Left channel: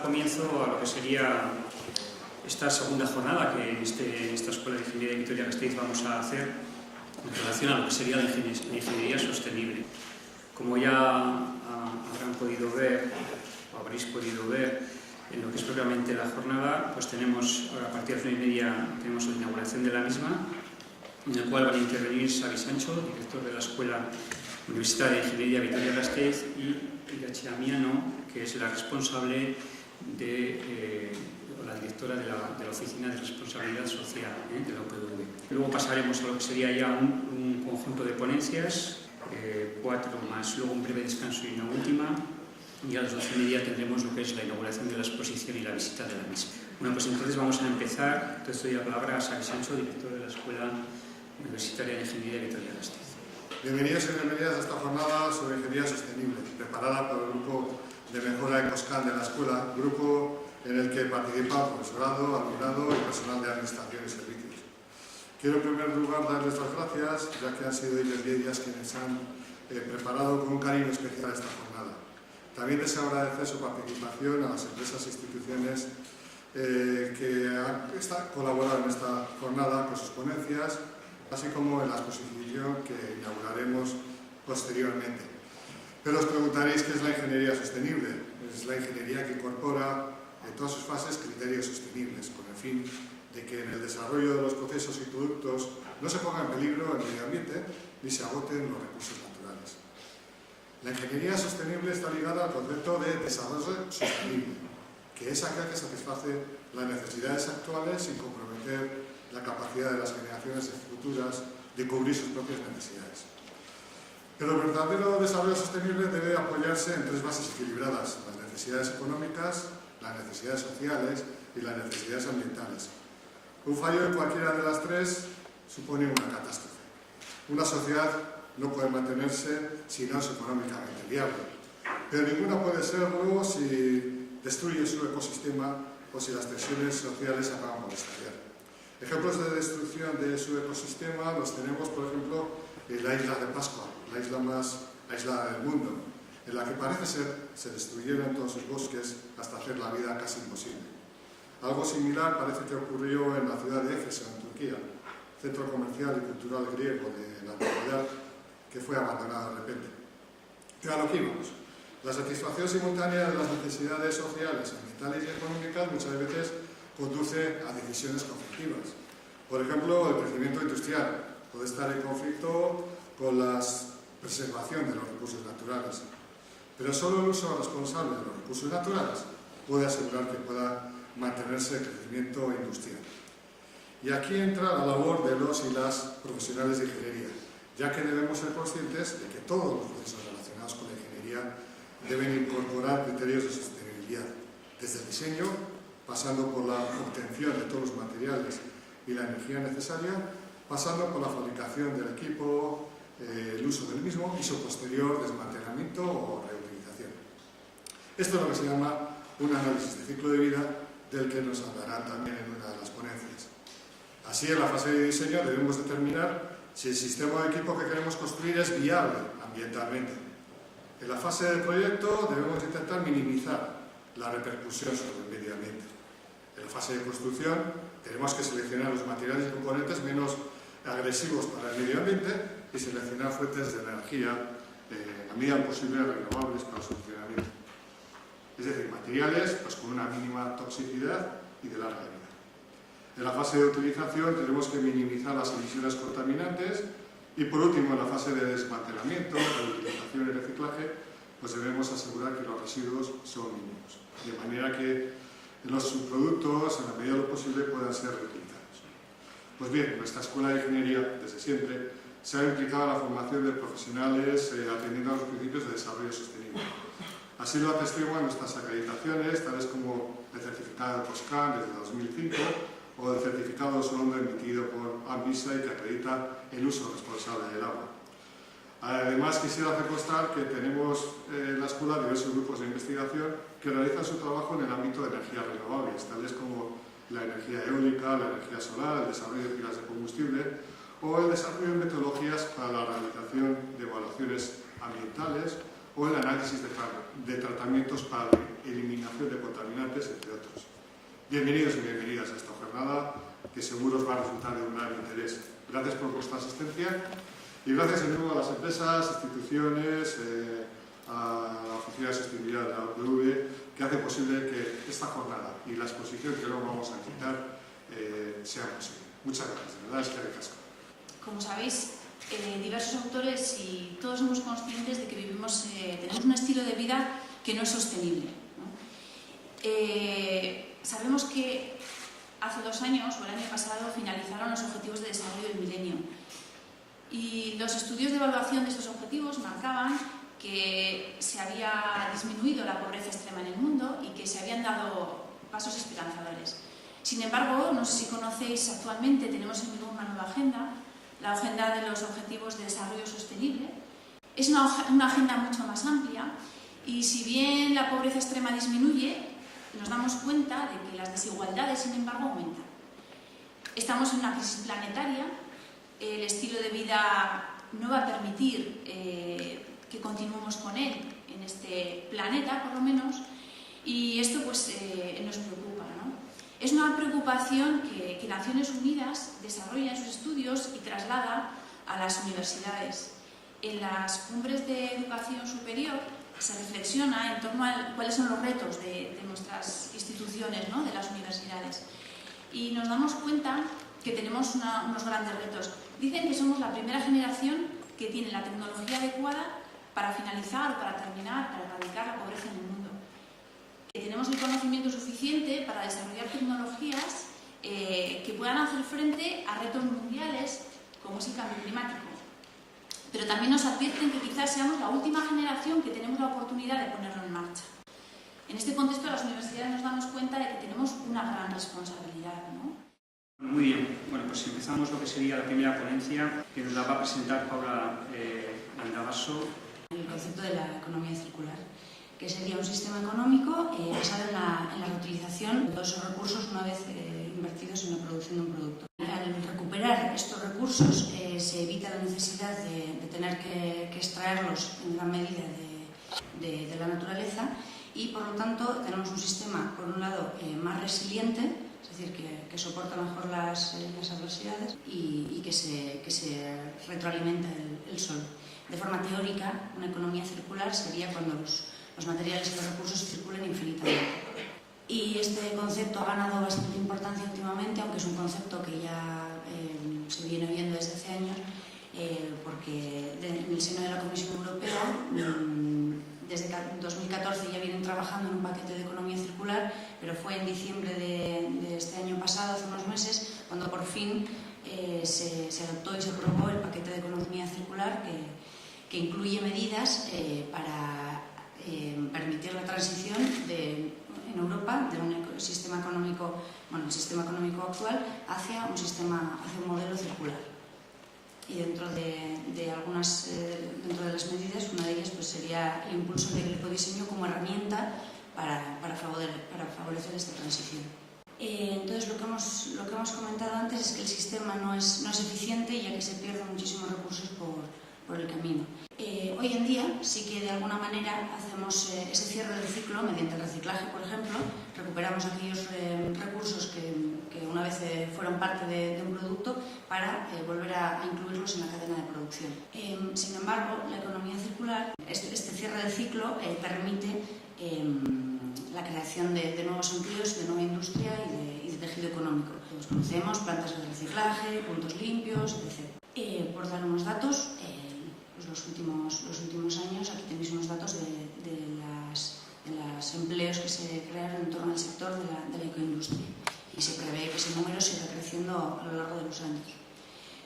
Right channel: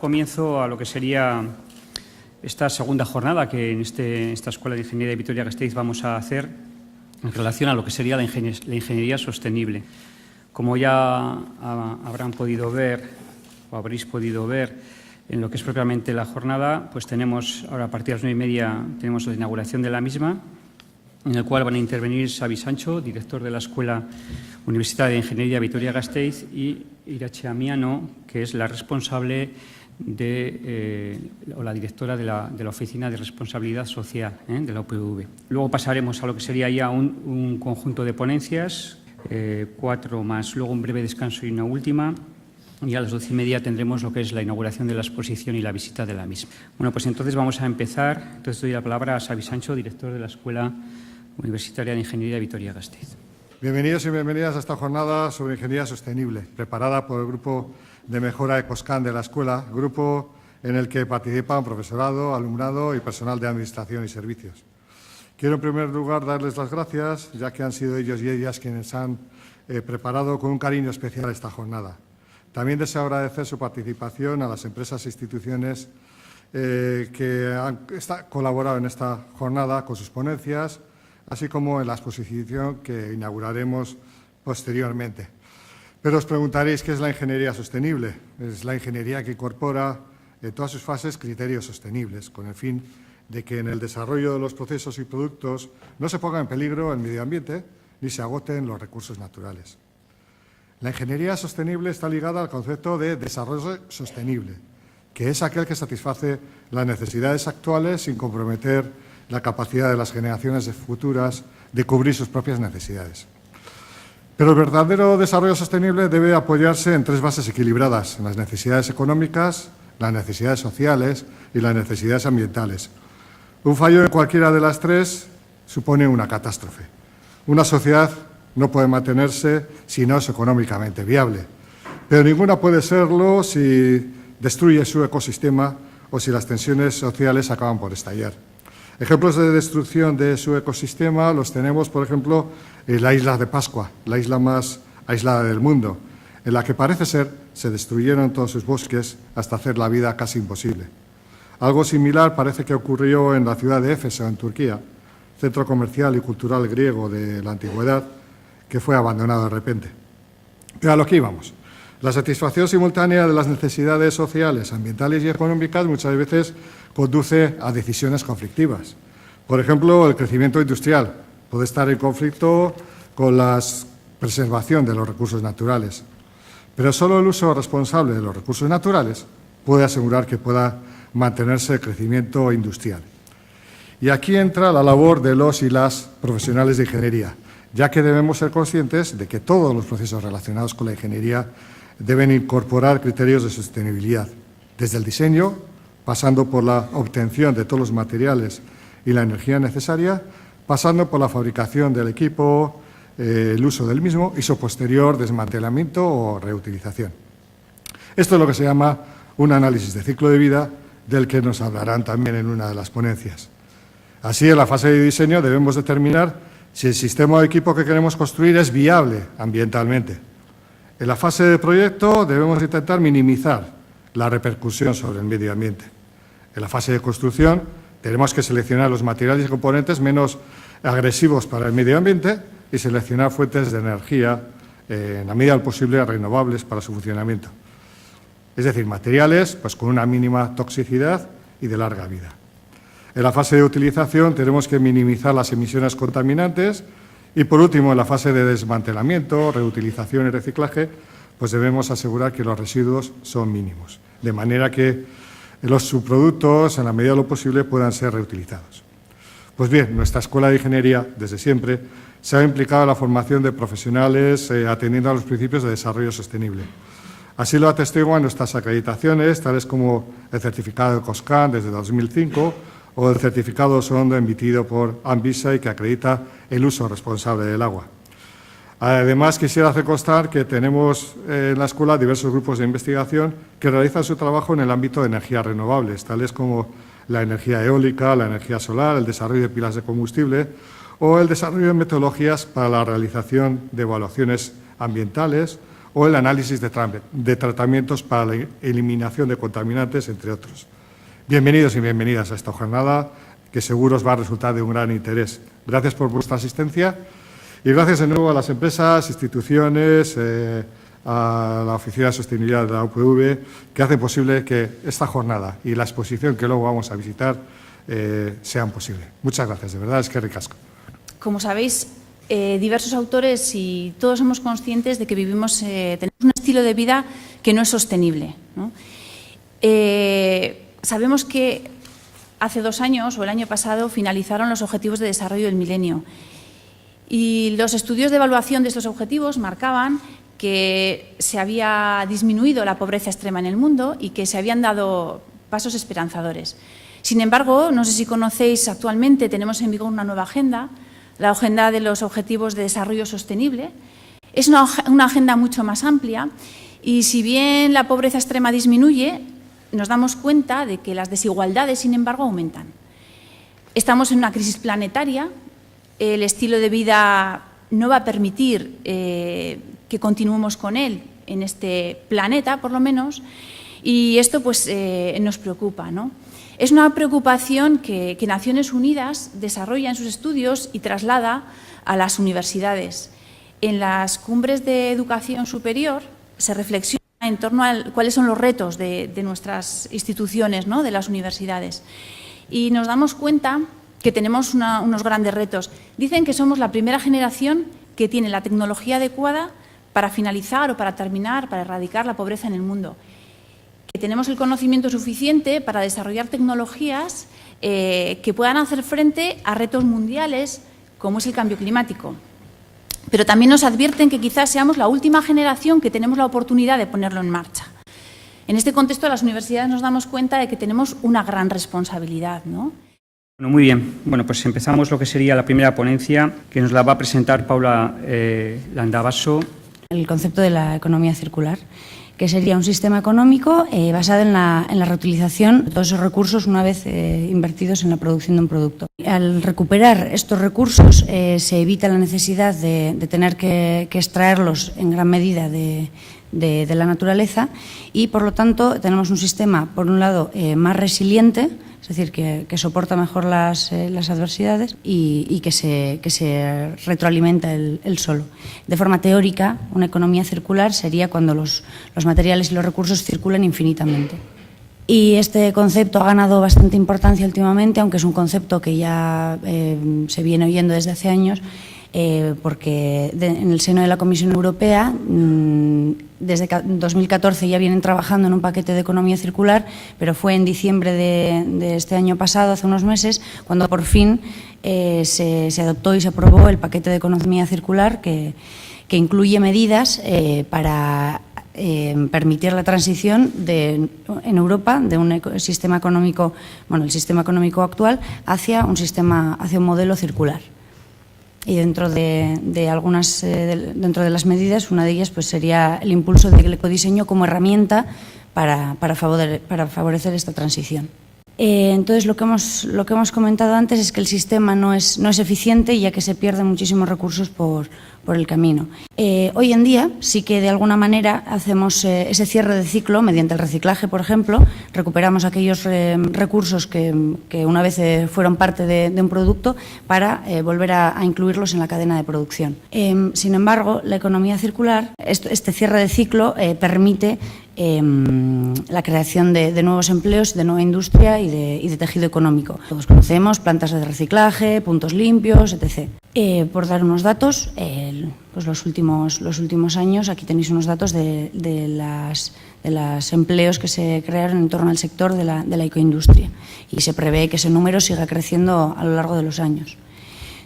Comienzo a lo que sería esta segunda jornada que en esta Escuela de Ingeniería de Vitoria-Gasteiz vamos a hacer en relación a lo que sería la ingeniería sostenible. Como ya habrán podido ver o habréis podido ver en lo que es propiamente la jornada, pues tenemos ahora a partir de las 9:30 tenemos la inauguración de la misma, en el cual van a intervenir Xavi Sancho, director de la Escuela Universitaria de Ingeniería Vitoria-Gasteiz, y Irache Amiano, que es la responsable o la directora de la Oficina de Responsabilidad Social de la UPV. Luego pasaremos a lo que sería ya un conjunto de ponencias, 4 más, luego un breve descanso y una última, y a las 12:30 tendremos lo que es la inauguración de la exposición y la visita de la misma. Bueno, pues entonces vamos a empezar. Entonces doy la palabra a Xavi Sancho, director de la Escuela Universitaria de Ingeniería Vitoria-Gasteiz. Bienvenidos y bienvenidas a esta jornada sobre ingeniería sostenible, preparada por el Grupo de Mejora ECOSCAN de la Escuela, grupo en el que participan profesorado, alumnado y personal de administración y servicios. Quiero en primer lugar darles las gracias, ya que han sido ellos y ellas quienes han preparado con un cariño especial esta jornada. También deseo agradecer su participación a las empresas e instituciones que han colaborado en esta jornada con sus ponencias, así como en la exposición que inauguraremos posteriormente. Pero os preguntaréis qué es la ingeniería sostenible. Es la ingeniería que incorpora en todas sus fases criterios sostenibles, con el fin de que en el desarrollo de los procesos y productos no se ponga en peligro el medio ambiente ni se agoten los recursos naturales. La ingeniería sostenible está ligada al concepto de desarrollo sostenible, que es aquel que satisface las necesidades actuales sin comprometer la capacidad de las generaciones futuras de cubrir sus propias necesidades. Pero el verdadero desarrollo sostenible debe apoyarse en 3 bases equilibradas: en las necesidades económicas, las necesidades sociales y las necesidades ambientales. Un fallo en cualquiera de las 3 supone una catástrofe. Una sociedad no puede mantenerse si no es económicamente viable, pero ninguna puede serlo si destruye su ecosistema o si las tensiones sociales acaban por estallar. Ejemplos de destrucción de su ecosistema los tenemos, por ejemplo, en la isla de Pascua, la isla más aislada del mundo, en la que parece ser se destruyeron todos sus bosques hasta hacer la vida casi imposible. Algo similar parece que ocurrió en la ciudad de Éfeso, en Turquía, centro comercial y cultural griego de la antigüedad, que fue abandonado de repente. Pero a lo que íbamos. La satisfacción simultánea de las necesidades sociales, ambientales y económicas muchas veces conduce a decisiones conflictivas. Por ejemplo, el crecimiento industrial puede estar en conflicto con la preservación de los recursos naturales, pero solo el uso responsable de los recursos naturales puede asegurar que pueda mantenerse el crecimiento industrial. Y aquí entra la labor de los y las profesionales de ingeniería, ya que debemos ser conscientes de que todos los procesos relacionados con la ingeniería deben incorporar criterios de sostenibilidad, desde el diseño, pasando por la obtención de todos los materiales y la energía necesaria, pasando por la fabricación del equipo, el uso del mismo y su posterior desmantelamiento o reutilización. Esto es lo que se llama un análisis de ciclo de vida, del que nos hablarán también en una de las ponencias. Así, en la fase de diseño debemos determinar si el sistema de equipo que queremos construir es viable ambientalmente. En la fase de proyecto debemos intentar minimizar la repercusión sobre el medio ambiente. En la fase de construcción tenemos que seleccionar los materiales y componentes menos agresivos para el medio ambiente y seleccionar fuentes de energía, en la medida del posible, renovables para su funcionamiento. Es decir, materiales con una mínima toxicidad y de larga vida. En la fase de utilización tenemos que minimizar las emisiones contaminantes y, por último, en la fase de desmantelamiento, reutilización y reciclaje, debemos asegurar que los residuos son mínimos, de manera que los subproductos, en la medida de lo posible, puedan ser reutilizados. Pues bien, nuestra Escuela de Ingeniería, desde siempre, se ha implicado en la formación de profesionales atendiendo a los principios de desarrollo sostenible. Así lo atestiguan nuestras acreditaciones, tales como el certificado de ECOSCAN desde 2005 o el certificado Sondo emitido por Anvisa y que acredita el uso responsable del agua. Además, quisiera hacer constar que tenemos en la escuela diversos grupos de investigación que realizan su trabajo en el ámbito de energías renovables, tales como la energía eólica, la energía solar, el desarrollo de pilas de combustible o el desarrollo de metodologías para la realización de evaluaciones ambientales o el análisis de tratamientos para la eliminación de contaminantes, entre otros. Bienvenidos y bienvenidas a esta jornada, que seguro os va a resultar de un gran interés. Gracias por vuestra asistencia y gracias de nuevo a las empresas, instituciones, a la Oficina de Sostenibilidad de la UPV, que hacen posible que esta jornada y la exposición que luego vamos a visitar sean posibles. Muchas gracias, de verdad, es que ricasco. Como sabéis, diversos autores y todos somos conscientes de que tenemos un estilo de vida que no es sostenible, ¿no? Sabemos que hace 2 años o el año pasado finalizaron los Objetivos de Desarrollo del Milenio y los estudios de evaluación de estos objetivos marcaban que se había disminuido la pobreza extrema en el mundo y que se habían dado pasos esperanzadores. Sin embargo, no sé si conocéis, actualmente tenemos en vigor una nueva agenda, la Agenda de los Objetivos de Desarrollo Sostenible. Es una agenda mucho más amplia y si bien la pobreza extrema disminuye, nos damos cuenta de que las desigualdades, sin embargo, aumentan. Estamos en una crisis planetaria, el estilo de vida no va a permitir que continuemos con él en este planeta, por lo menos, y esto pues, nos preocupa, ¿no? Es una preocupación que Naciones Unidas desarrolla en sus estudios y traslada a las universidades. En las cumbres de educación superior se reflexiona en torno a cuáles son los retos de nuestras instituciones, ¿no?, de las universidades. Y nos damos cuenta que tenemos unos grandes retos. Dicen que somos la primera generación que tiene la tecnología adecuada para finalizar o para terminar, para erradicar la pobreza en el mundo. Que tenemos el conocimiento suficiente para desarrollar tecnologías que puedan hacer frente a retos mundiales como es el cambio climático. Pero también nos advierten que quizás seamos la última generación que tenemos la oportunidad de ponerlo en marcha. En este contexto, las universidades nos damos cuenta de que tenemos una gran responsabilidad, ¿no? Bueno, muy bien. Bueno, pues empezamos lo que sería la primera ponencia, que nos la va a presentar Paula Landavaso. El concepto de la economía circular, que sería un sistema económico basado en la reutilización de todos esos recursos una vez invertidos en la producción de un producto. Al recuperar estos recursos se evita la necesidad de tener que extraerlos en gran medida de la naturaleza y, por lo tanto, tenemos un sistema, por un lado, más resiliente, es decir, que soporta mejor las adversidades y que se retroalimenta el solo. De forma teórica, una economía circular sería cuando los materiales y los recursos circulan infinitamente. Y este concepto ha ganado bastante importancia últimamente, aunque es un concepto que ya se viene oyendo desde hace años, porque en el seno de la Comisión Europea, desde 2014 ya vienen trabajando en un paquete de economía circular, pero fue en diciembre de este año pasado, hace unos meses, cuando por fin se adoptó y se aprobó el paquete de economía circular que incluye medidas para permitir la transición en Europa de un sistema económico, bueno, el sistema económico actual, hacia un modelo circular. Y dentro de las medidas, una de ellas pues sería el impulso del ecodiseño como herramienta para favorecer esta transición. Entonces, lo que hemos comentado antes es que el sistema no es eficiente, ya que se pierden muchísimos recursos por el camino. Hoy en día sí que de alguna manera hacemos ese cierre de ciclo mediante el reciclaje, por ejemplo, recuperamos aquellos recursos que una vez fueron parte de un producto para volver a incluirlos en la cadena de producción. Sin embargo, la economía circular, este cierre de ciclo permite la creación de nuevos empleos, de nueva industria y de tejido económico. Todos conocemos plantas de reciclaje, puntos limpios, etc. Por dar unos datos, pues los últimos años, aquí tenéis unos datos de los empleos que se crearon en torno al sector de la ecoindustria y se prevé que ese número siga creciendo a lo largo de los años.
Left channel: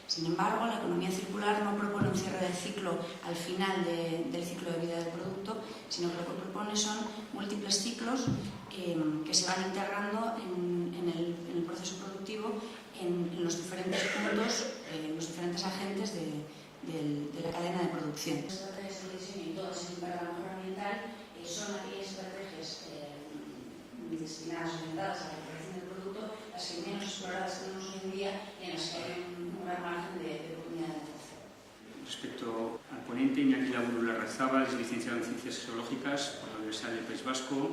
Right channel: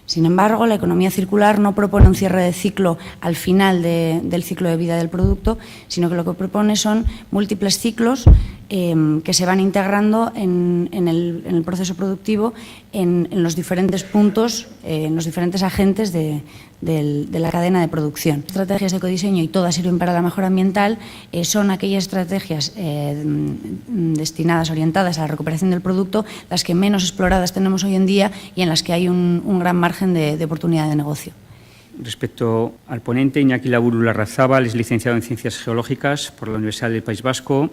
Sin embargo, la economía circular no propone un cierre de ciclo al final del ciclo de vida del producto, sino que lo que propone son múltiples ciclos que se van integrando en el proceso productivo en los diferentes puntos, en los diferentes agentes de la cadena de producción. Estrategias de ecodiseño, y todas sirven para la mejora ambiental, son aquellas estrategias destinadas, orientadas a la recuperación del producto, las que menos exploradas tenemos hoy en día y en las que hay un gran margen de oportunidad de negocio. Respecto al ponente, Iñaki Laburu Larrazábal es licenciado en Ciencias Geológicas por la Universidad del País Vasco.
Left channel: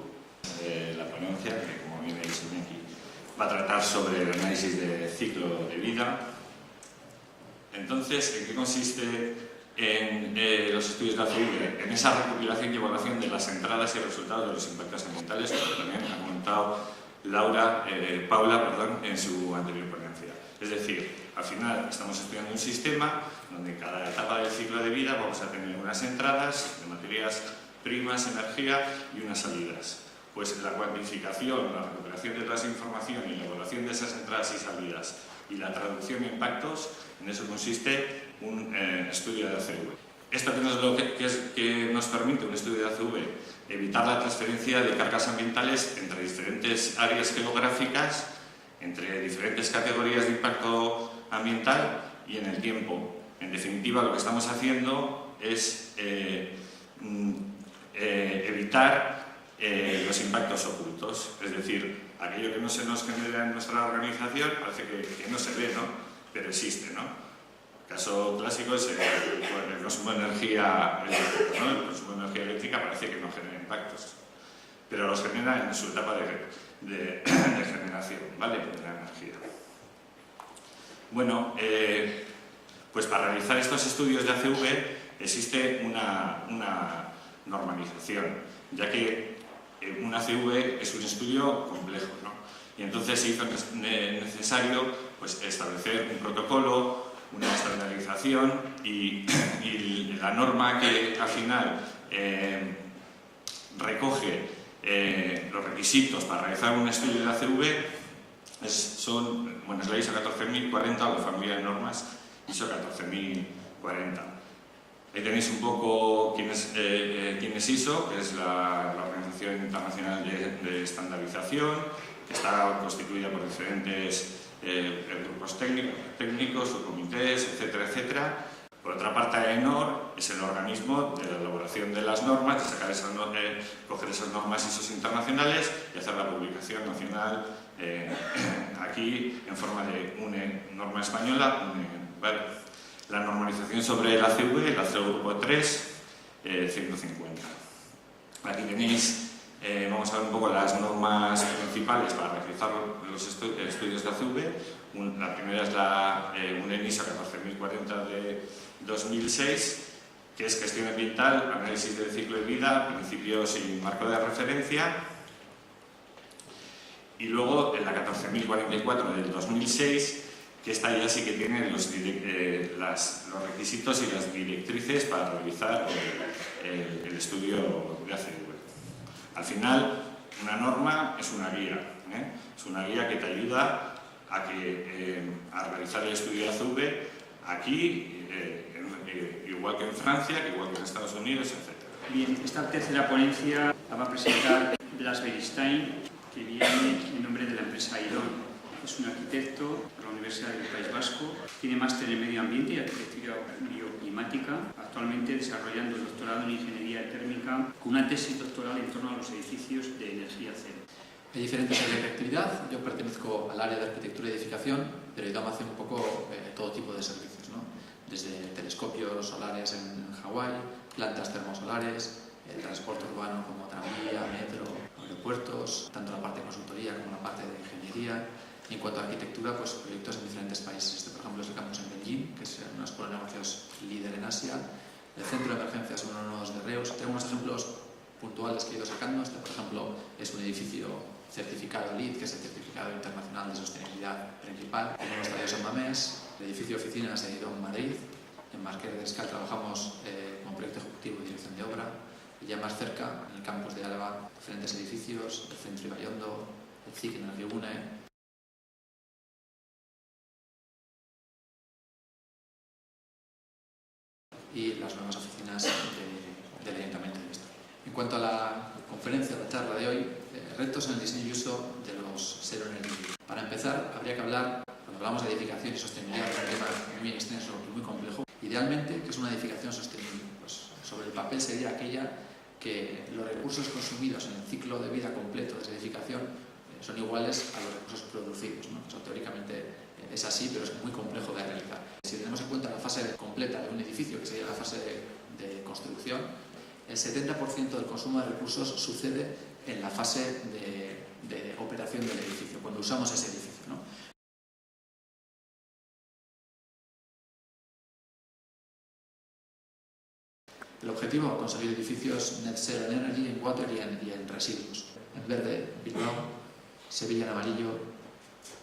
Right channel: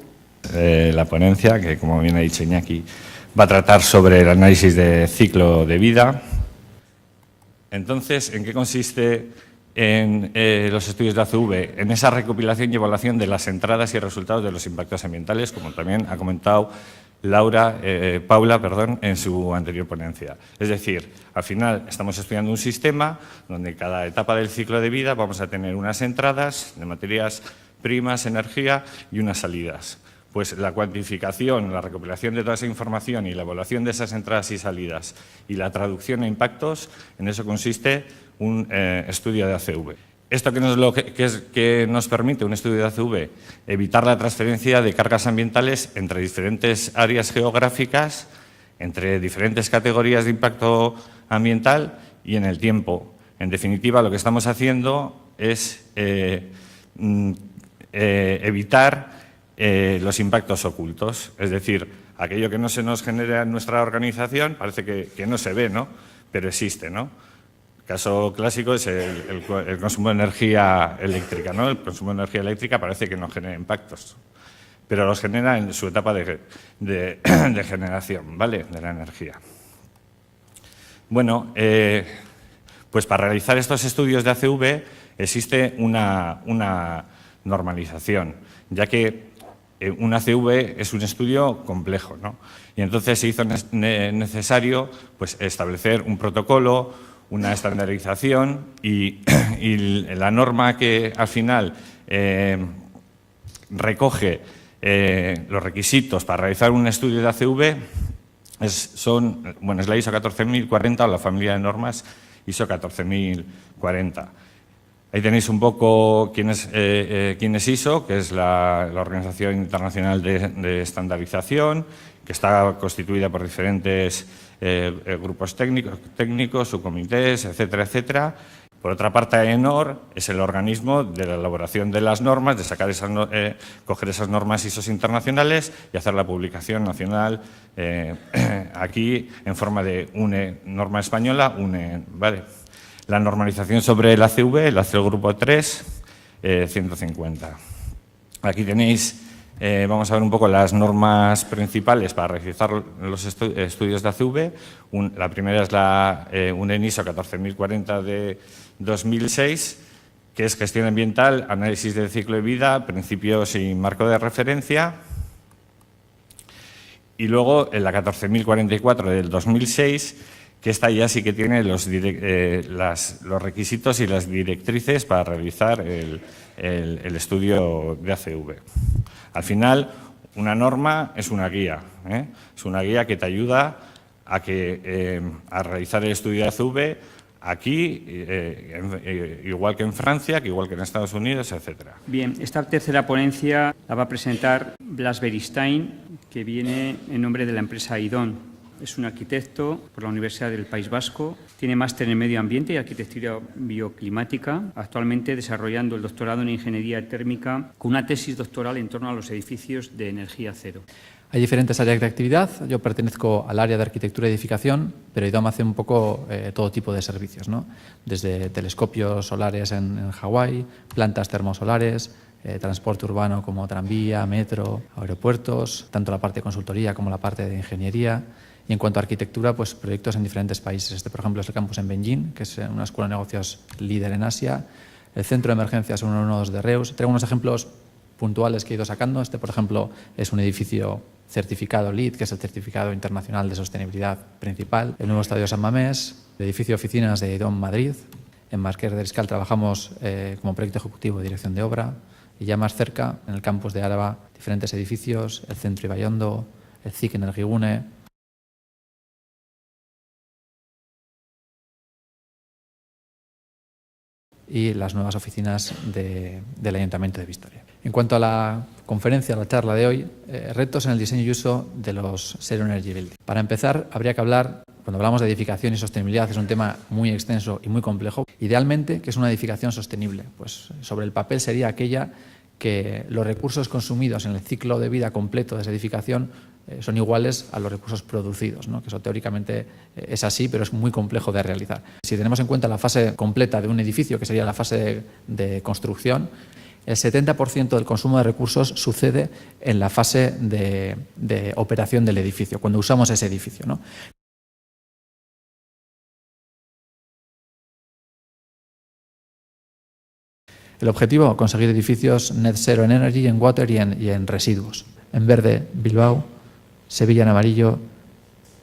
La ponencia, que como bien ha dicho Iñaki, va a tratar sobre el análisis de ciclo de vida. Entonces, ¿en qué consiste en los estudios de ACV? En esa recopilación y evaluación de las entradas y resultados de los impactos ambientales, como también ha comentado Paula, en su anterior ponencia. Es decir, al final estamos estudiando un sistema donde en cada etapa del ciclo de vida vamos a tener unas entradas de materias primas, energía y unas salidas. Pues la cuantificación, la recopilación de toda esa información y la evaluación de esas entradas y salidas y la traducción a impactos, en eso consiste un estudio de ACV. ¿Esto que nos permite un estudio de ACV? Evitar la transferencia de cargas ambientales entre diferentes áreas geográficas, entre diferentes categorías de impacto ambiental y en el tiempo. En definitiva, lo que estamos haciendo es evitar los impactos ocultos, es decir, aquello que no se nos genera en nuestra organización parece que no se ve, ¿no? Pero existe, ¿no? El caso clásico es el consumo de energía eléctrica, ¿no? El consumo de energía eléctrica parece que no genera impactos, pero los genera en su etapa de generación, ¿vale?, de la energía. Bueno, pues para realizar estos estudios de ACV existe una normalización, ya que un ACV es un estudio complejo, ¿no? Y entonces se hizo necesario pues, establecer un protocolo, una estandarización y la norma que al final recoge los requisitos para realizar un estudio de ACV es la ISO 14040 o la familia de normas ISO 14040. Ahí tenéis un poco quién es ISO, que es la Organización Internacional de Estandarización, que está constituida por diferentes grupos técnicos, subcomités, etcétera, etcétera. Por otra parte, AENOR es el organismo de la elaboración de las normas, de sacar coger esas normas ISO internacionales y hacer la publicación nacional aquí en forma de una norma española, ¿vale? La normalización sobre el ACV, la hace el grupo 3, 150. Aquí tenéis, vamos a ver un poco las normas principales para realizar los estudios de ACV. La primera es una ISO 14040 de 2006, que es gestión ambiental, análisis del ciclo de vida, principios y marco de referencia. Y luego la 14044 del 2006, que esta ya sí que tiene los requisitos y las directrices para realizar el estudio de ACV. Al final, una norma es una guía, es una guía que te ayuda a realizar el estudio de ACV aquí, igual que en Francia, que igual que en Estados Unidos, etc. Bien, esta tercera ponencia la va a presentar Blas Beristain, que viene en nombre de la empresa IDON. Es un arquitecto por la Universidad del País Vasco, tiene máster en Medio Ambiente y Arquitectura Bioclimática, actualmente desarrollando el doctorado en Ingeniería Térmica con una tesis doctoral en torno a los edificios de energía cero. Hay diferentes áreas de actividad. Yo pertenezco al área de arquitectura y edificación, pero IDOM hace un poco todo tipo de servicios, ¿no? Desde telescopios solares en Hawái, plantas termosolares, transporte urbano como tranvía, metro, aeropuertos, tanto la parte de consultoría como la parte de ingeniería. Y en cuanto a arquitectura, pues proyectos en diferentes países. Este, por ejemplo, es el campus en Beijing, que es una escuela de negocios líder en Asia. El centro de emergencias 112 de Reus. Traigo unos ejemplos puntuales que he ido sacando. Este, por ejemplo, es un edificio certificado LEED, que es el certificado internacional de sostenibilidad principal. El nuevo estadio San Mamés, el edificio de oficinas de IDOM Madrid. En Marqués del Escal trabajamos como proyecto ejecutivo de dirección de obra. Y ya más cerca, en el campus de Álava, diferentes edificios, el centro Ibaiondo, el CIC en Energigune. Y las nuevas oficinas del Ayuntamiento de Vitoria. En cuanto a la conferencia, la charla de hoy, retos en el diseño y uso de los Zero Energy Buildings. Para empezar, habría que hablar, cuando hablamos de edificación y sostenibilidad, es un tema muy extenso y muy complejo. Idealmente, ¿qué es una edificación sostenible? Pues sobre el papel sería aquella que los recursos consumidos en el ciclo de vida completo de esa edificación son iguales a los recursos producidos, ¿no? Que eso teóricamente es así, pero es muy complejo de realizar. Si tenemos en cuenta la fase completa de un edificio, que sería la fase de construcción, el 70% del consumo de recursos sucede en la fase de operación del edificio, cuando usamos ese edificio, ¿no? El objetivo, conseguir edificios net zero en energy, en water y en residuos. En verde, Bilbao; Sevilla en amarillo;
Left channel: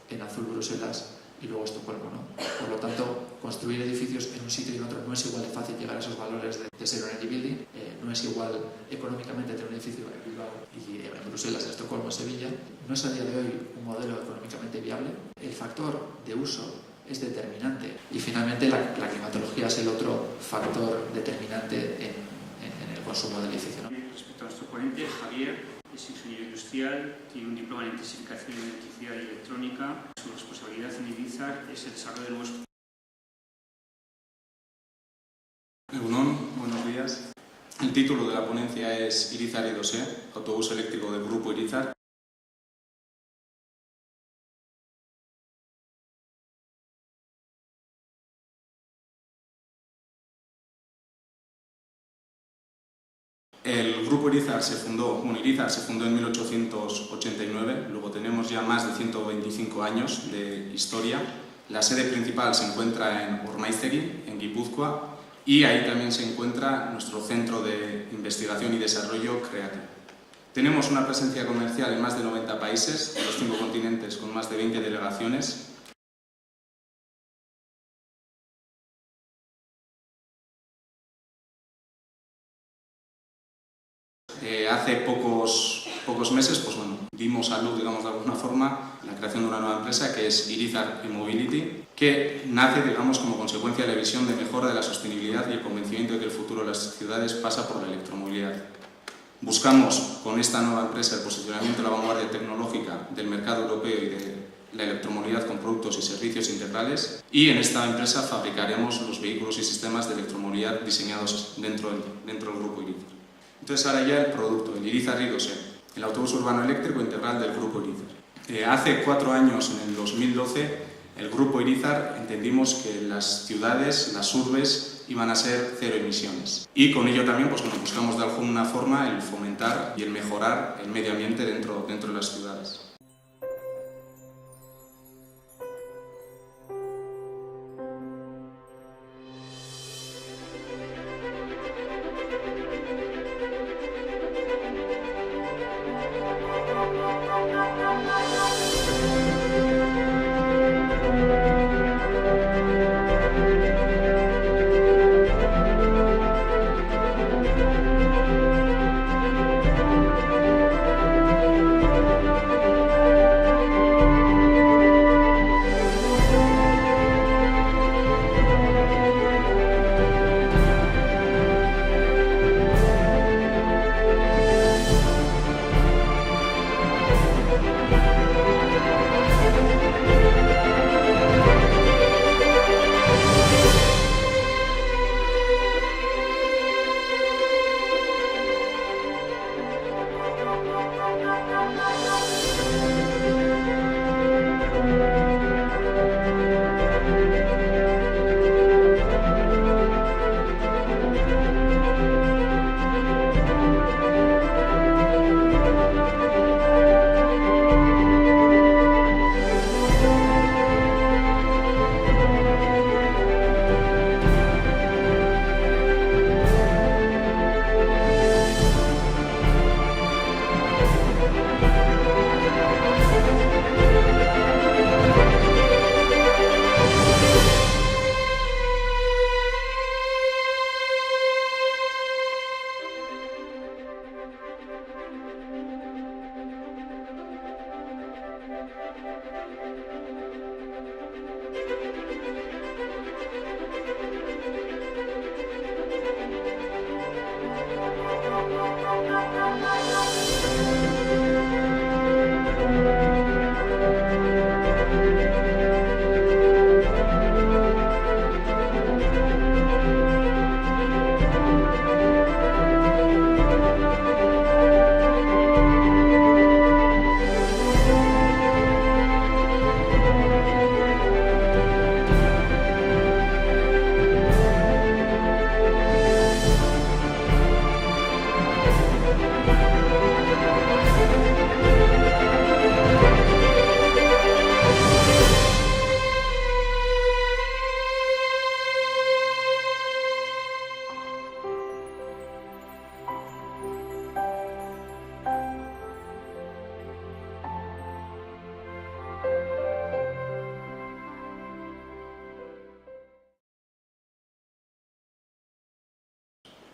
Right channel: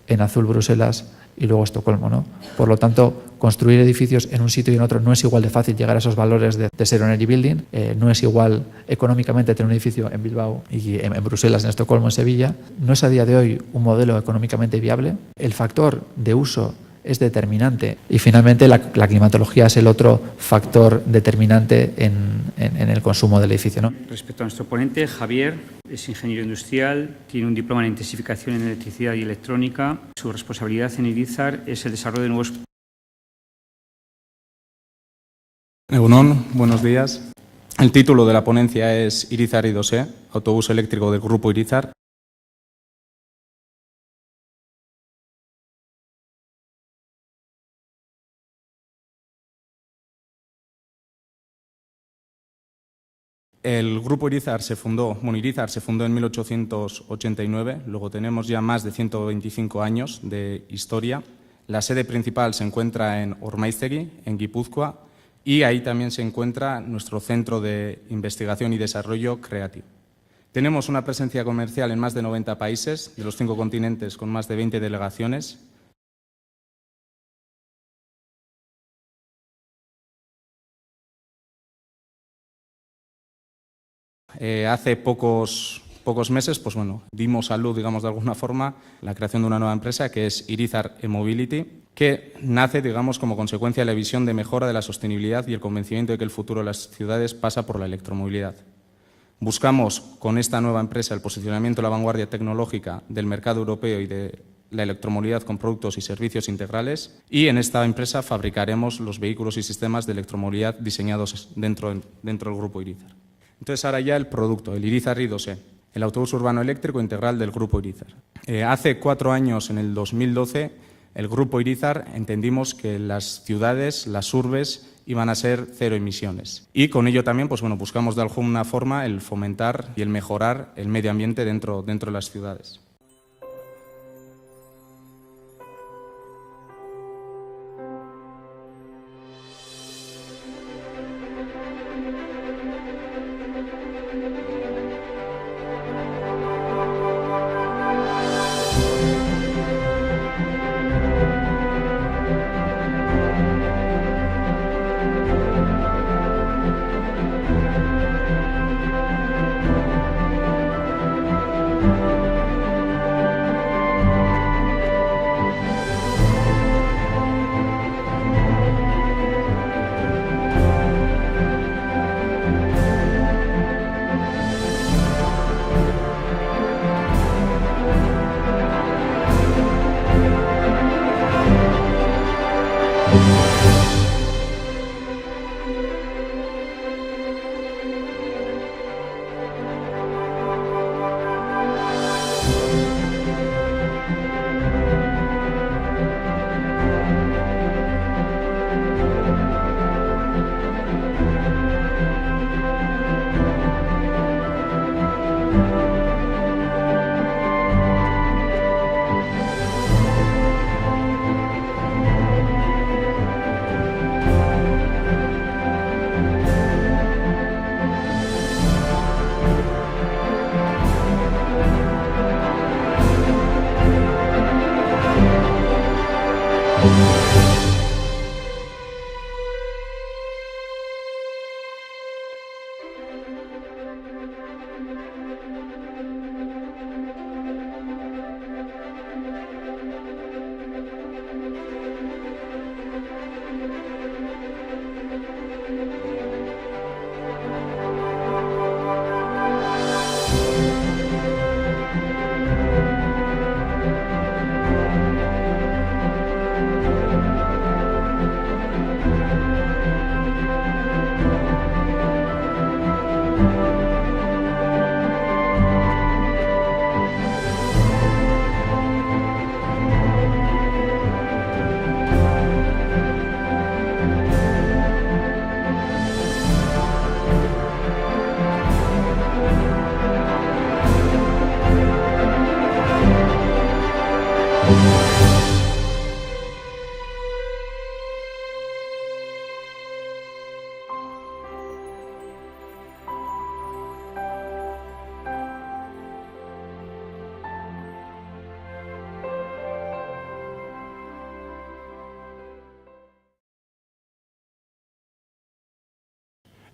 en azul, Bruselas; y luego Estocolmo, ¿no? Por lo tanto, construir edificios en un sitio y en otro no es igual de fácil llegar a esos valores de Zero Energy Building. No es igual económicamente tener un edificio en Bilbao y en Bruselas, en Estocolmo, en Sevilla. No es a día de hoy un modelo económicamente viable. El factor de uso es determinante. Y finalmente la climatología es el otro factor determinante en el consumo del edificio, ¿no? Respecto a nuestro ponente, Javier es ingeniero industrial, tiene un diploma en intensificación en electricidad y electrónica. Su responsabilidad en Irizar es el desarrollo de nuevos... Egunon, buenos días. El título de la ponencia es Irizar I2E, autobús eléctrico del Grupo Irizar. El Grupo Irizar se fundó en 1889, luego tenemos ya más de 125 años de historia. La sede principal se encuentra en Ormaiztegi, en Guipúzcoa, y ahí también se encuentra nuestro centro de investigación y desarrollo Creative. Tenemos una presencia comercial en más de 90 países, en los 5 continentes, con más de 20 delegaciones. Hace pocos meses, pues bueno, dimos a luz, digamos de alguna forma, la creación de una nueva empresa que es Irizar E-Mobility, que nace, digamos, como consecuencia de la visión de mejora de la sostenibilidad y el convencimiento de que el futuro de las ciudades pasa por la electromovilidad. Buscamos con esta nueva empresa el posicionamiento de la vanguardia tecnológica del mercado europeo y de la electromovilidad con productos y servicios integrales, y en esta empresa fabricaremos los vehículos y sistemas de electromovilidad diseñados dentro del Grupo Irizar. Entonces ahora ya el producto, el Irizar I2E, el autobús urbano eléctrico integral del Grupo Irizar. Hace 4 años, en el 2012, el Grupo Irizar entendimos que las ciudades, las urbes, iban a ser cero emisiones. Y con ello también, pues bueno, buscamos de alguna forma el fomentar y el mejorar el medio ambiente dentro de las ciudades.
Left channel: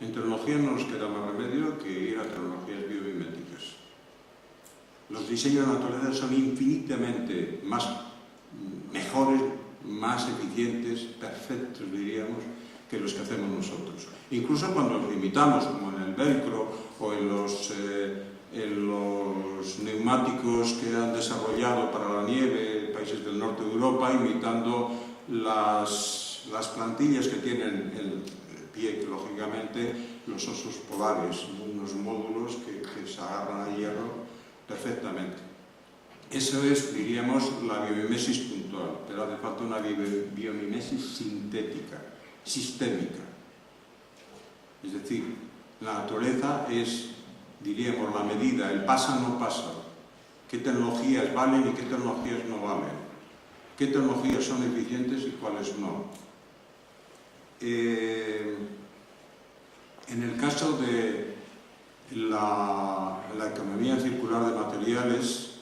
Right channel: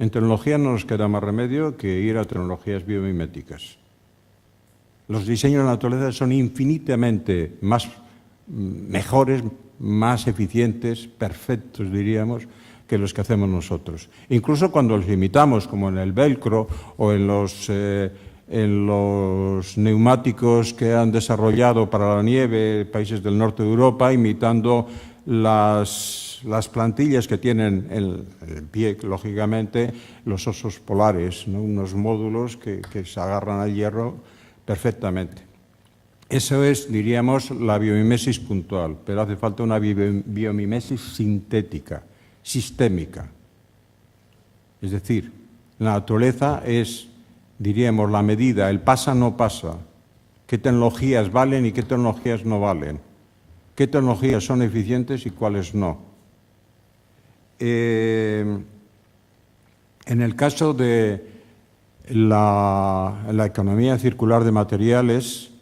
En tecnología no nos queda más remedio que ir a tecnologías biomiméticas. Los diseños de naturaleza son infinitamente mejores, más eficientes, perfectos, diríamos, que los que hacemos nosotros. Incluso cuando los imitamos, como en el velcro o en los neumáticos que han desarrollado para la nieve países del norte de Europa, imitando las plantillas que tienen el pie, lógicamente, los osos polares, ¿no? Unos módulos que se agarran al hierro perfectamente. Eso es, diríamos, la biomimesis puntual, pero hace falta una biomimesis sintética, sistémica. Es decir, la naturaleza es, diríamos, la medida, el pasa no pasa. ¿Qué tecnologías valen y qué tecnologías no valen? ¿Qué tecnologías son eficientes y cuáles no? En el caso de la economía circular de materiales,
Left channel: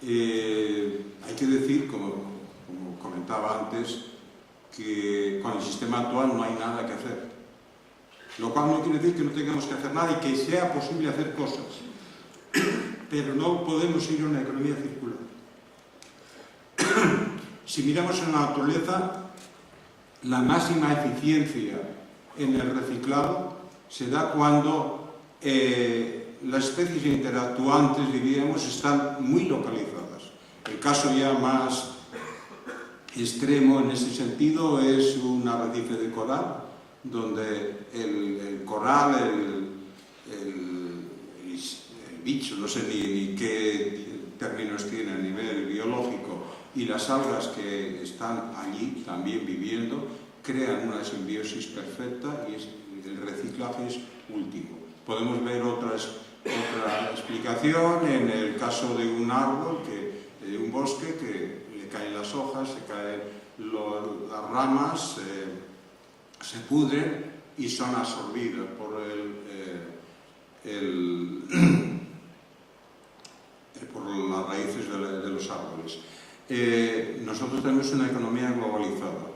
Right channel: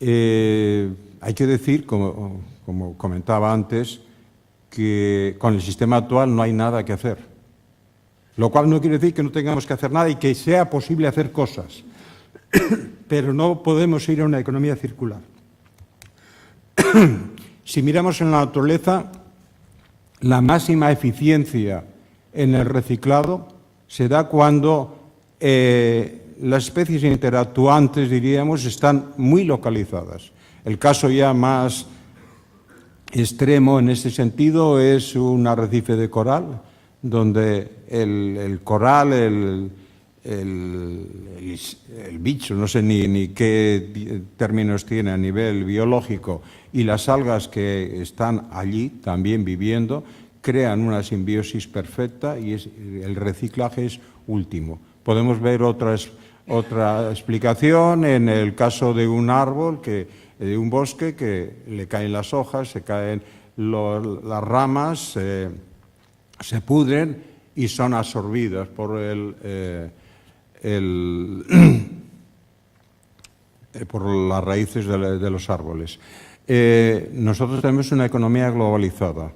hay que decir, como comentaba antes, que con el sistema actual no hay nada que hacer. Lo cual no quiere decir que no tengamos que hacer nada y que sea posible hacer cosas. Pero no podemos ir a una economía circular. Si miramos en la naturaleza, la máxima eficiencia en el reciclado se da cuando las especies interactuantes, diríamos, están muy localizadas. El caso ya más extremo en este sentido es un arrecife de coral, donde el coral, el bicho, no sé ni qué términos tiene a nivel biológico, y las algas que están allí también viviendo, crean una simbiosis perfecta y el reciclaje es último. Podemos ver otra explicación en el caso de un árbol, de un bosque, que le caen las hojas, se caen las ramas, se pudren y son absorbidas por por las raíces de los árboles. Nosotros tenemos una economía globalizada.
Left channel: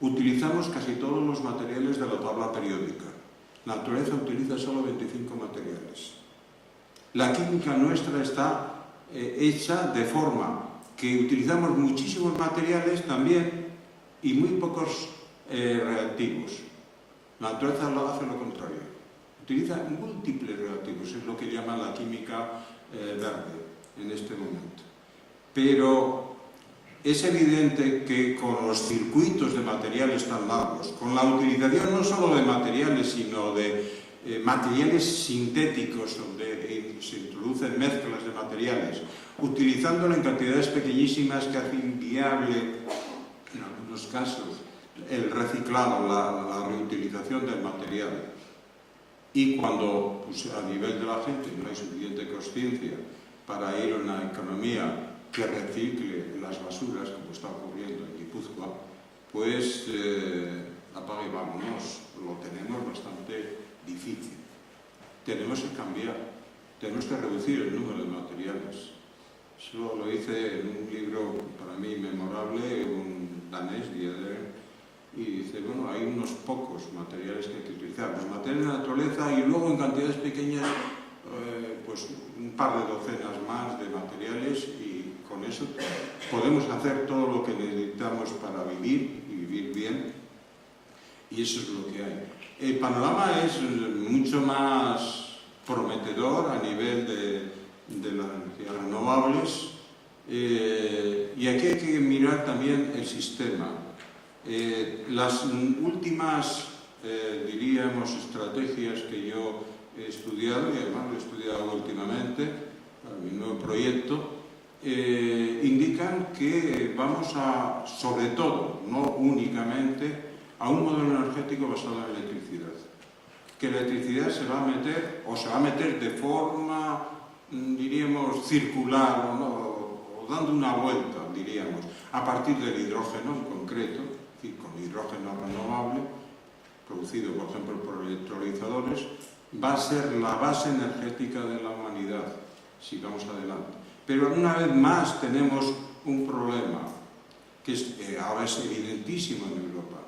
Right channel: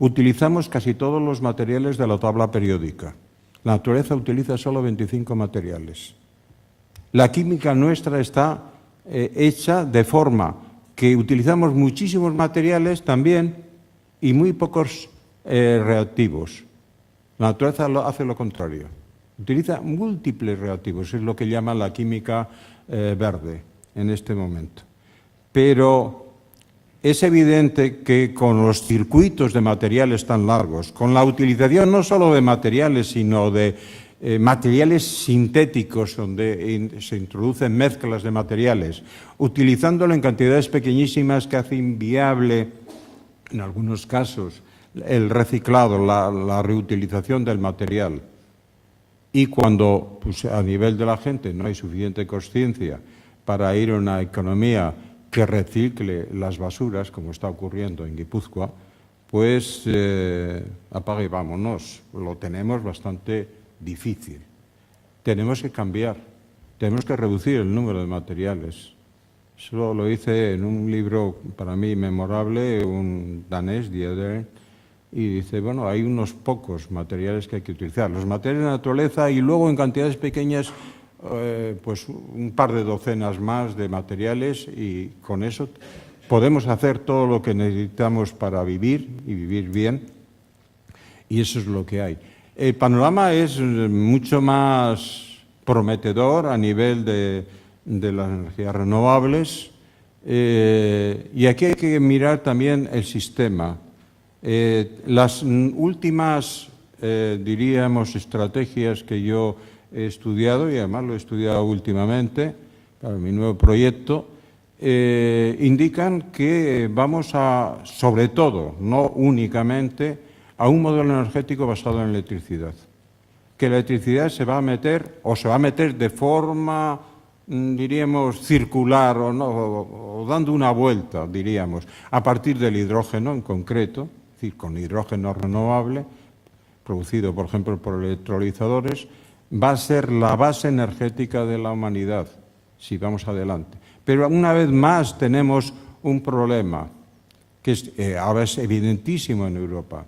Utilizamos casi todos los materiales de la tabla periódica. La naturaleza utiliza solo 25 materiales. La química nuestra está hecha de forma que utilizamos muchísimos materiales también y muy pocos reactivos. La naturaleza hace lo contrario. Utiliza múltiples reactivos, es lo que llaman la química verde en este momento. Pero es evidente que con los circuitos de materiales tan largos, con la utilización no solo de materiales, sino de materiales sintéticos, donde se introducen mezclas de materiales, utilizándolo en cantidades pequeñísimas que hace inviable, en algunos casos, el reciclado, la reutilización del material. Y cuando a nivel de la gente no hay suficiente conciencia para ir a una economía que recicle las basuras, como está ocurriendo en Guipúzcoa, pues apaga y vámonos. Lo tenemos bastante difícil. Tenemos que cambiar, tenemos que reducir el número de materiales. Eso lo hice en un libro para mí memorable, un danés, Dieder, y dice, bueno, hay unos pocos materiales que hay que utilizar. Los materiales de naturaleza y luego en cantidades pequeñas pues un par de docenas más de materiales, y con eso podemos hacer todo lo que necesitamos para vivir y vivir bien, y eso es lo que hay. El panorama es mucho más prometedor a nivel de las energías renovables, y aquí hay que mirar también el sistema. Las últimas, diríamos, estrategias que yo he estudiado, y además lo he estudiado últimamente para mi nuevo proyecto, indican que vamos a, sobre todo, no únicamente, a un modelo energético basado en electricidad. Que la electricidad se va a meter, o se va a meter de forma diríamos, circular o, no, o dando una vuelta, diríamos, a partir del hidrógeno en concreto, es decir, con hidrógeno renovable, producido, por ejemplo, por electrolizadores, va a ser la base energética de la humanidad, si vamos adelante. Pero una vez más tenemos un problema, que ahora es evidentísimo en Europa.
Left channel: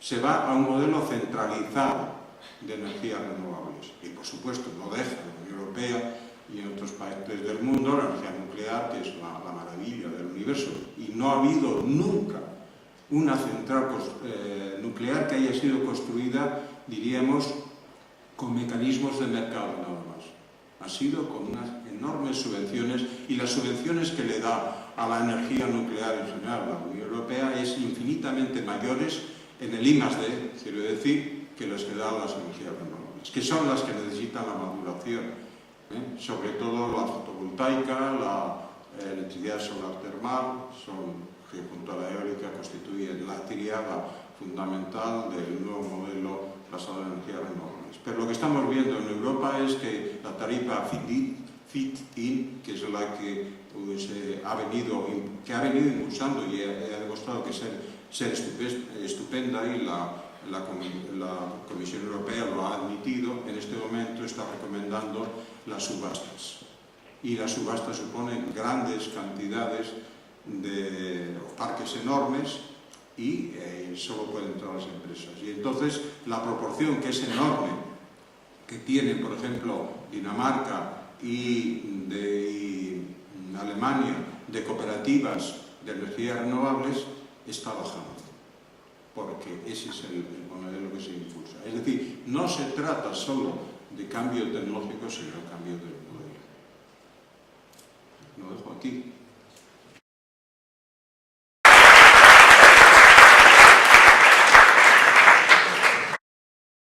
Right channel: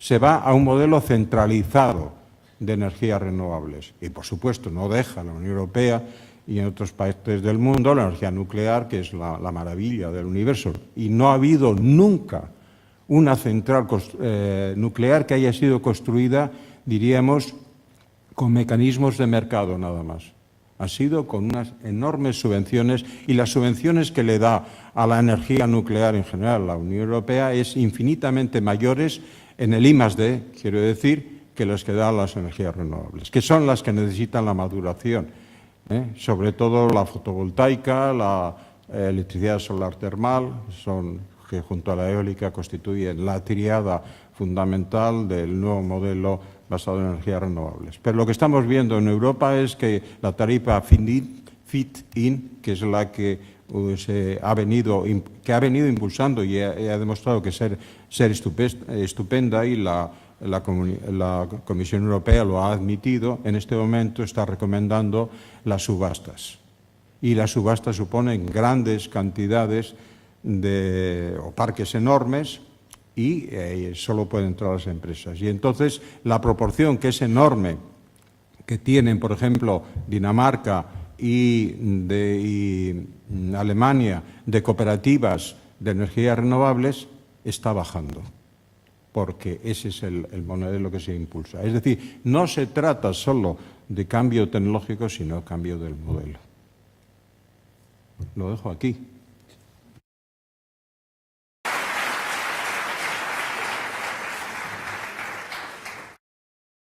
Se va a un modelo centralizado de energías renovables. Y, por supuesto, no deja la Unión Europea y en otros países del mundo la energía nuclear, que es la maravilla del universo. Y no ha habido nunca una central nuclear que haya sido construida, diríamos, con mecanismos de mercado nada más. Ha sido con unas enormes subvenciones, y las subvenciones que le da a la energía nuclear en general la Unión Europea es infinitamente mayores en el I+D, quiero decir, que las que dan las energías renovables, que son las que necesitan la maduración, sobre todo la fotovoltaica, la electricidad solar termal, que junto a la eólica constituyen la tríada fundamental del nuevo modelo basado en energías renovables. Pero lo que estamos viendo en Europa es que la tarifa FIT-IN, que es la que ha venido impulsando y ha demostrado que ser estupenda, y la Comisión Europea lo ha admitido, en este momento está recomendando las subastas. Y las subastas suponen grandes cantidades o parques enormes, y solo pueden entrar las empresas. Y entonces la proporción, que es enorme, que tienen, por ejemplo, Dinamarca y Alemania de cooperativas de energías renovables, está bajando, porque ese es el modelo que se impulsa. Es decir, no se trata solo de cambio tecnológico, sino de cambio del modelo. Lo dejo aquí.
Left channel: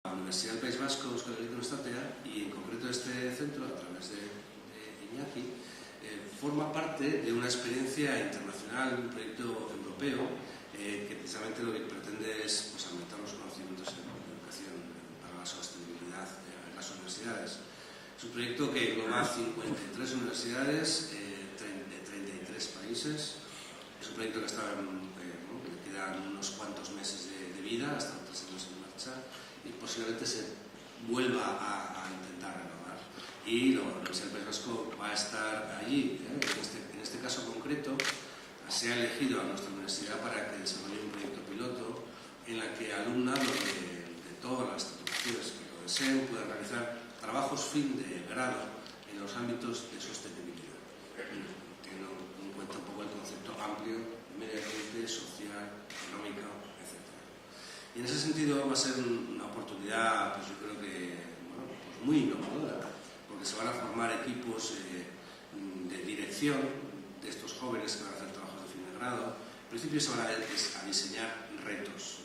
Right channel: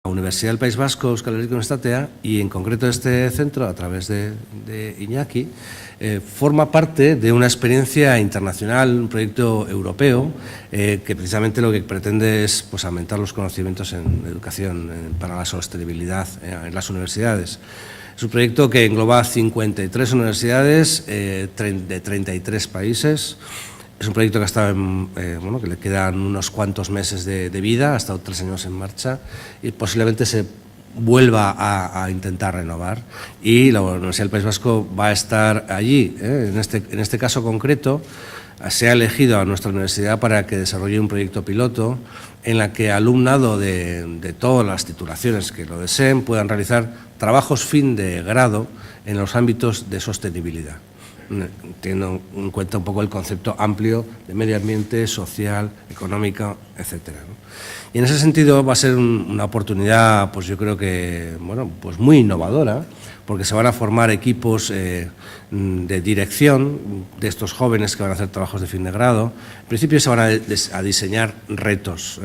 La Universidad del País Vasco, Euskal Herriko Unibertsitatea, y en concreto este centro, a través de Iñaki, forma parte de una experiencia internacional, un proyecto europeo, que precisamente lo que pretende es, pues, aumentar los conocimientos en educación para la sostenibilidad en las universidades. Es un proyecto que engloba 53 universidades de 33 países. Es un proyecto que que le quedan unos cuantos meses de vida, ha estado 3 años en marcha, y posiblemente se vuelva a intentar renovar. Y la Universidad del País Vasco va a estar allí. En este caso concreto, se ha elegido a nuestra universidad para que desarrolle un proyecto piloto en la que alumnado de todas las titulaciones que lo deseen puedan realizar trabajos fin de grado en los ámbitos de sostenibilidad, teniendo en cuenta un poco el concepto amplio de medio ambiente, social, económico, etcétera, ¿no? Y en ese sentido va a ser una oportunidad, pues yo creo que, pues muy innovadora, porque se van a formar equipos de dirección de estos jóvenes que van a hacer trabajos de fin de grado. En principio se van a diseñar retos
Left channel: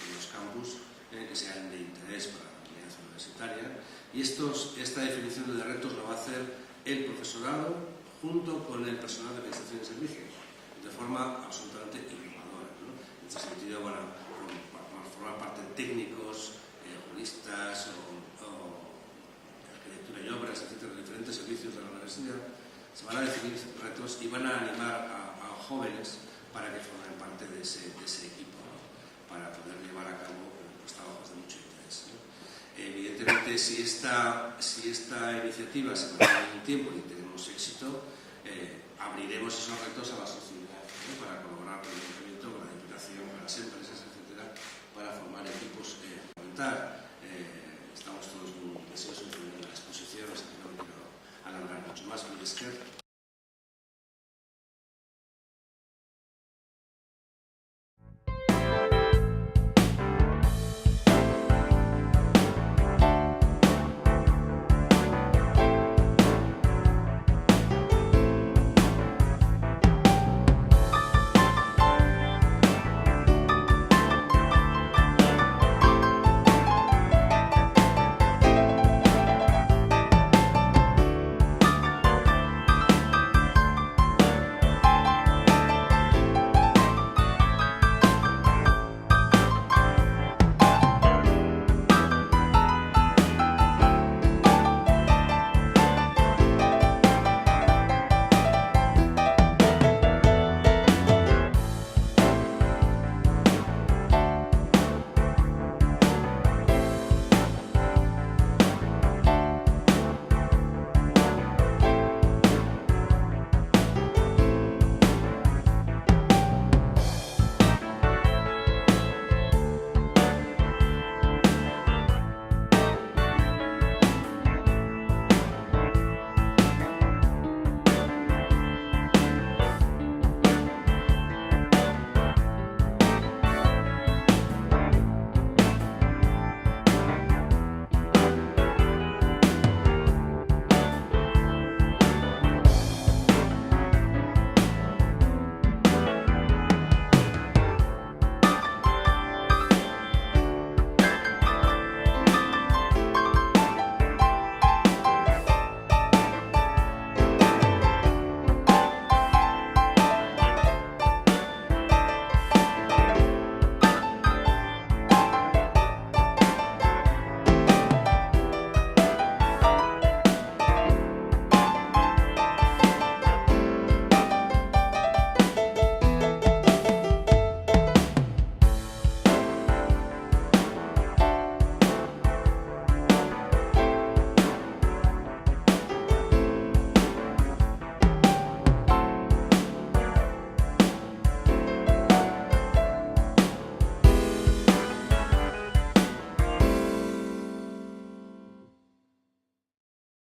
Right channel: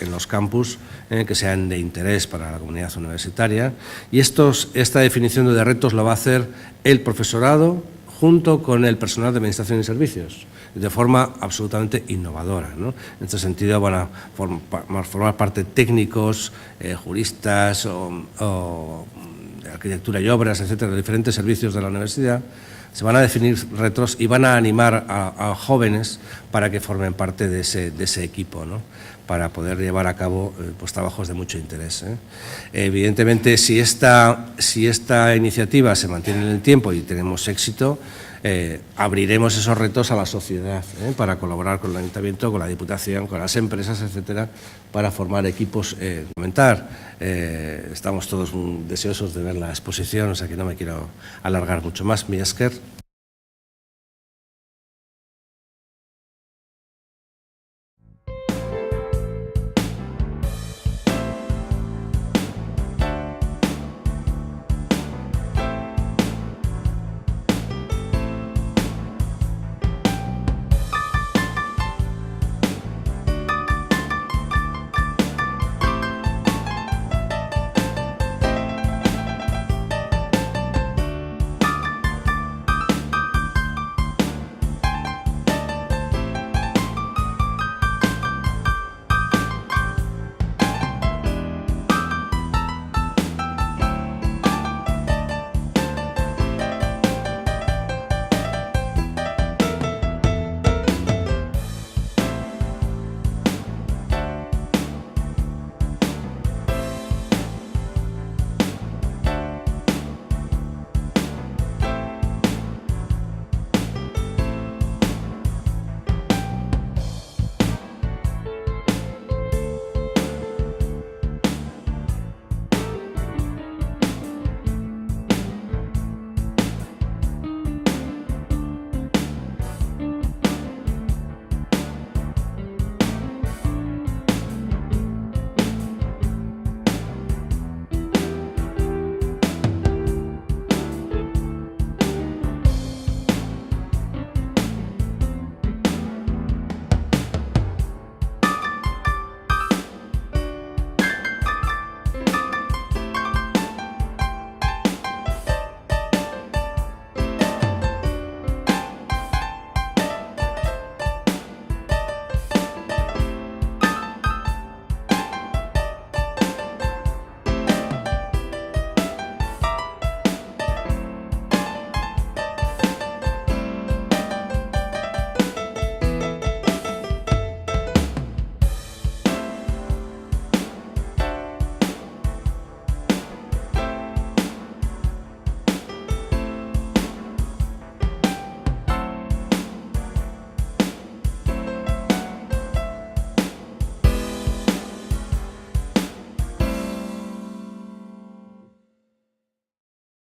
en los campus que sean de interés para la comunidad universitaria, y esta definición de retos lo va a hacer el profesorado junto con el personal de administración y servicios, de forma absolutamente innovadora, ¿no? En este sentido van a formar parte técnicos, juristas o de arquitectura y obras, etcétera, de diferentes servicios de la universidad. Se van a definir retos y van a animar a jóvenes para que formen parte de ese equipo, ¿no?, para poder llevar a cabo pues, trabajos de mucho interés, ¿eh? Evidentemente, si esta iniciativa se mantiene en el tiempo y tenemos éxito, abriremos esos retos a la sociedad, para colaborar con el Ayuntamiento, con la Diputación, con las empresas, etcétera, para formar equipos complementar. Estamos todos deseosos de ver la exposición, o sea que no me quiero alargar mucho más. Mi esker.